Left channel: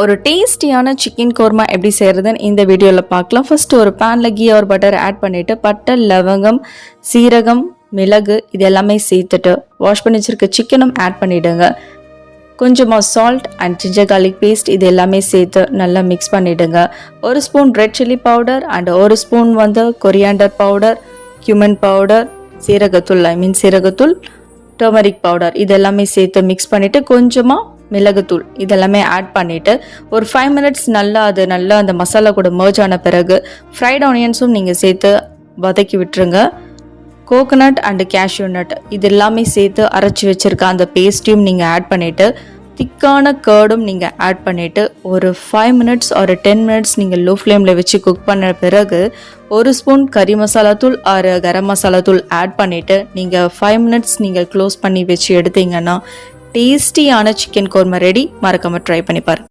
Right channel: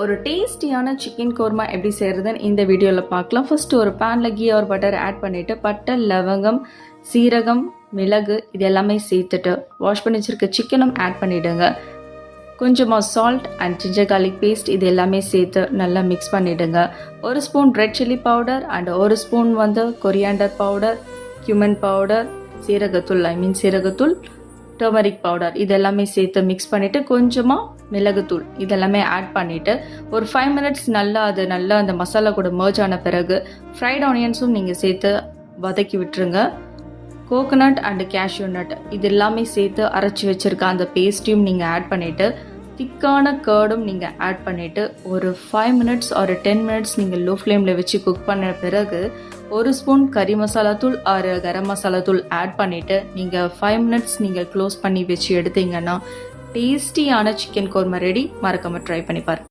ஒரு டேஸ்டியான சிக்கன் கோர்மா எப்படி செய்கிறதுன்னு இந்த வீடியோவில் பார்க்கலாம். ஃபர்ஸ்ட் ஒரு பேனில் கீ ஒரு பட்டர் ஆட் பண்ணிவிட்டு பட்டை, லவங்கம், சீரகம், மிளகு இது எல்லாமே சேர்த்துட்டு வாஷ் பண்ணி வச்சுருக்க சிக்கனும் ஆட் பண்ணிவிடுங்க. கொஞ்சமாக salt and ginger garlic paste இது எல்லாமே சேர்த்து நல்லா மிக்ஸ் பண்ணிவிடுங்க. ஒரு spoon red chilli powder and ஒரு spoon coriander powder, cumin powder, சீரகத்தூள் சீரகத்தூள், டர்மரிக் பவுடர் இது எல்லாமே சேர்த்து மிக்ஸ் பண்ணிவிட்டு கொஞ்சமாக மிளகுத்தூள் இதெல்லாமே ஆட் பண்ணிவிட்டு ஒரு 5 minutes நல்லா அந்த மசாலா கூட மர்ஜ் ஆன பிறகு ஃப்ரைட் ஆனியன்ஸும் நீங்கள் சேர்த்து வதக்கி விட்டுருங்க. கோகோனட் அண்டு கேஷ்யூ நட் இது எல்லாமே சேர்த்து அரைச்சி வச்சுருக்க அந்த பேஸ்ட்டையும் நீங்கள் ஆட் பண்ணிவிட்டு திக்கான கர்டும் நீங்கள் ஆட் பண்ணிவிட்டு ஒரு 5 minutes ஒரு 10 minutes நீங்கள் லோ ஃப்ளேமில் வச்சு குக் பண்ண பிறகு ஒரு ஸ்பூன் கறி மசாலா தூள் ஆறு கரம் மசாலா தூள் ஆட் பண்ணிவிட்டு நீங்கள் 5 minutes நீங்கள் க்ளோஸ் பண்ணி வச்சு எடுத்தீங்கன்னா டேஸ்டியான சிக்கன் கோர்மா ரெடி. மறக்காம ட்ரை பண்ணி பாருங்க.